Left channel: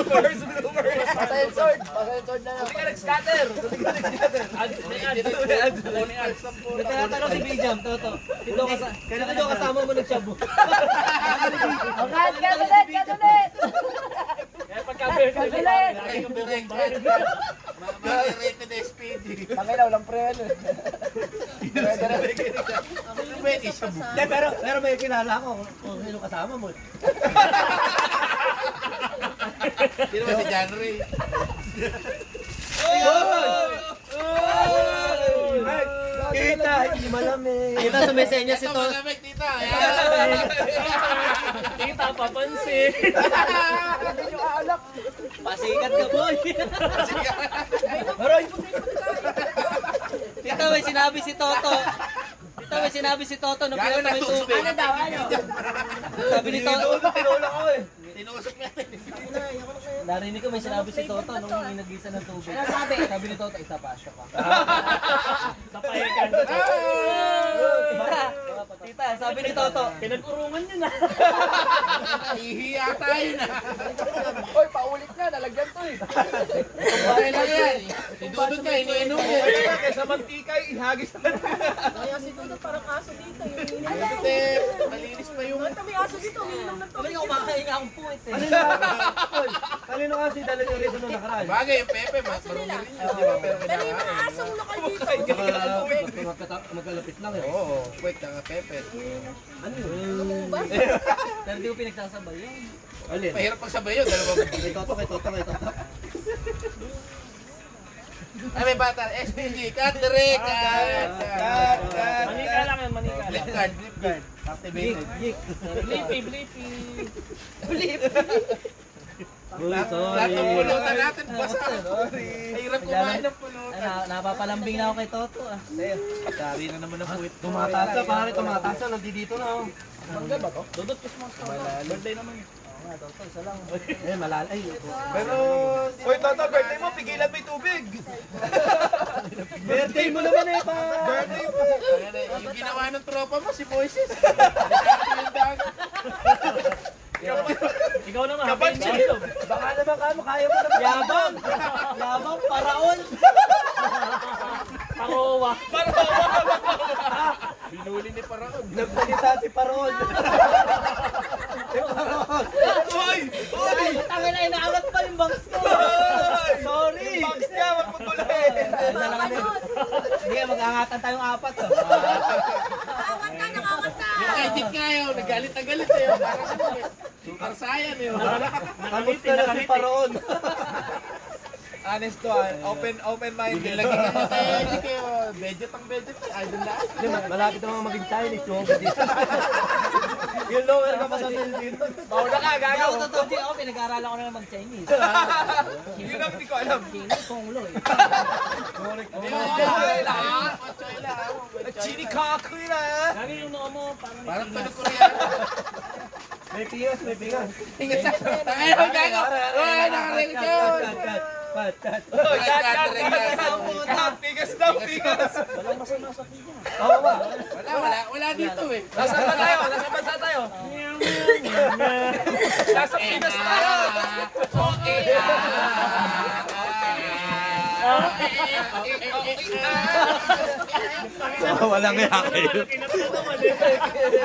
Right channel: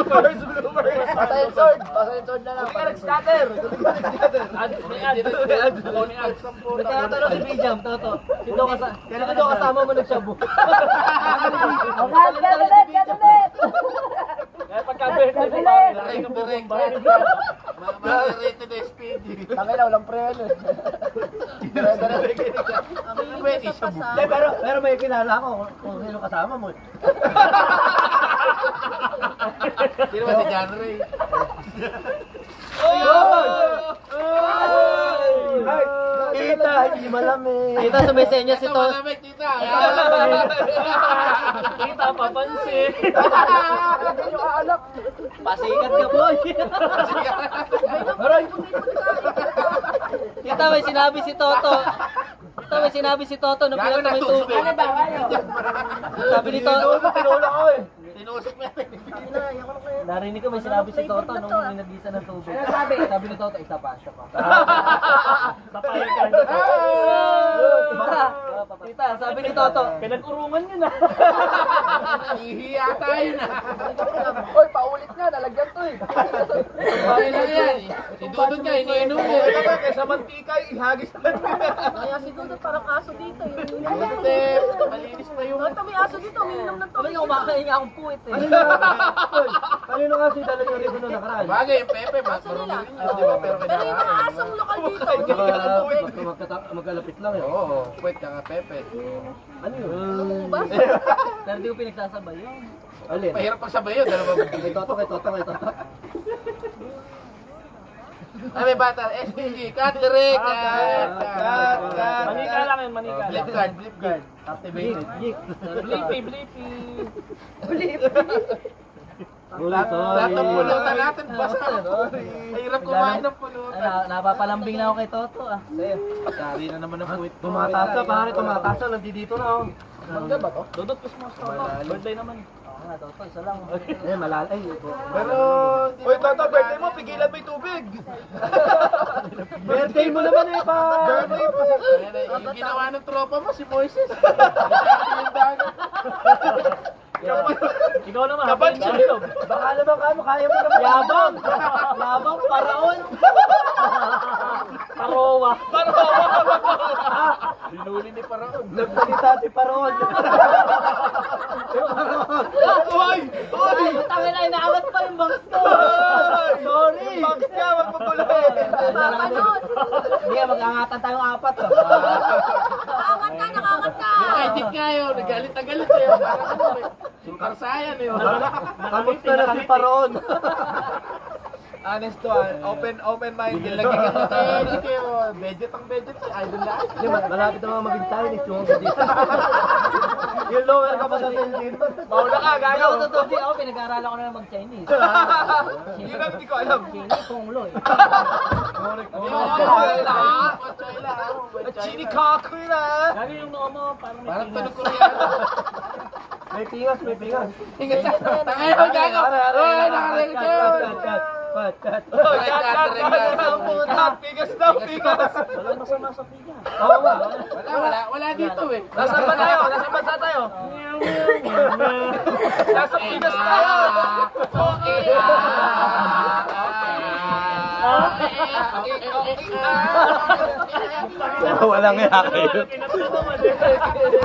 bloopers. Pasayin sword na lang. Kuling ka nag-scatter. Nagtatanong si Bijam, Toto. Sino kasama mo nagsabu? Gadulit! Kaya pagka-bird ka ulit. Rated SPD. Tangay na, walang pre ano eh. Pero may kilala ako kung sino kasama mo. Sino ba si John Ray? Kita, hindi malamig. Kita sa mesenya si Toto. Malamig, tita. Kita, papansin. Pasikat ka, boy. Aray! Tita, may sinabi si Toto. Tita, may sinabi si Toto nung pinata mo yung tubig. Ano daw, ano? Sabi ni Toto. Tinulak ako eh. Tinusok natin. Narinig ko may sinabi si Toto nung inagisa ng tubig. Ano sabi? Sabi ni Toto, isa pa. Sapayan ka. Tita, sabi ni Toto. Pinag-urungan niya na. Hihiya tayo na. Hoy, paulit na, nalagyan to eh. Bakit na yan? Si Dudut ka, iniinom mo. Kaysa mantika, ihagis na. Kaya si Dudut parang aso dito. Dudut malinis pa yung... May aso dito, umiinom ng Sabi tubig. niya, kumakahinga akong puwit eh. Kanino kasi dala niyo rito nung nakaraan? Bagay, yung Pepe, marunong rin yun, di ba? Pero yung mga asong lokal dito. Magkalapit lang eh. Oo, wait, kaka Pepe. Ano yun? Pero di ko pinagsasabay yun. Alin? Mahirap pagsabay yun, dalawa. Kay Toto. Ay, may bata, SPG, cut direct! Manika lang yun, manika lang. Flip guard. Activated. Blippi. Lahat ng pulutan natin, basta. Mahirap kumain ng pulutan. Napapalambing na ako kay Toto ah. Dari na naman ang puwit. Tumatasa, pare, tumatasa. Nandito na oh. Mangga ba to? Dudot Christmas na ako. Birthday naman. Oo nga, Toto, isa lang. Eh, malalay. Pero... Uy, Toto, birthday mo, pigilan mo yung tubig. Birthday mo naman eh, pa. Yung ginawa ng tropa mo, si Moises. Yung dagat. Ikaw naman, happy chilog. Baka naman kaya mo naman. Yabang, paraon. Parowa. Binuli ni Paraon. Nagsalita si Parol. Uy! Ay, tangin na, inaangat pa yung bangs ko. Sorry. Yung box niya, wag mo tuloy. Sige, mag-angatan tayong apat. Nakaangat ka! Yung edit nga yun, nagalit na galit eh. Super Saiyan eh. Kamusta na si Parol? Honest to, open-minded. Lagi ka na tayo edit kayo. Budget ang budget. Idol na. Malapit na mga maging Chinese yung dito. Yung lower ka pa sa dito. Mauna ka, Ako gago. totoo di ako, pinag-aaralan ko na mag-Chinese. Yun ang hindi ko alam. Chinese, Konglo eh. Chini kakoy na. Lagi yung noo mo, parang Parang tunog Koreano. May pingas. Tingnan siya. Tangay na gago. Uy, nakarinig yun. Cut. Pigas daw, pigas. walang masama sa pinya. Oo ba? Wala dito eh. Nasaan ba tayo? Nasaan bansa tayo? Nasa Pinas tayo. Walang yaki.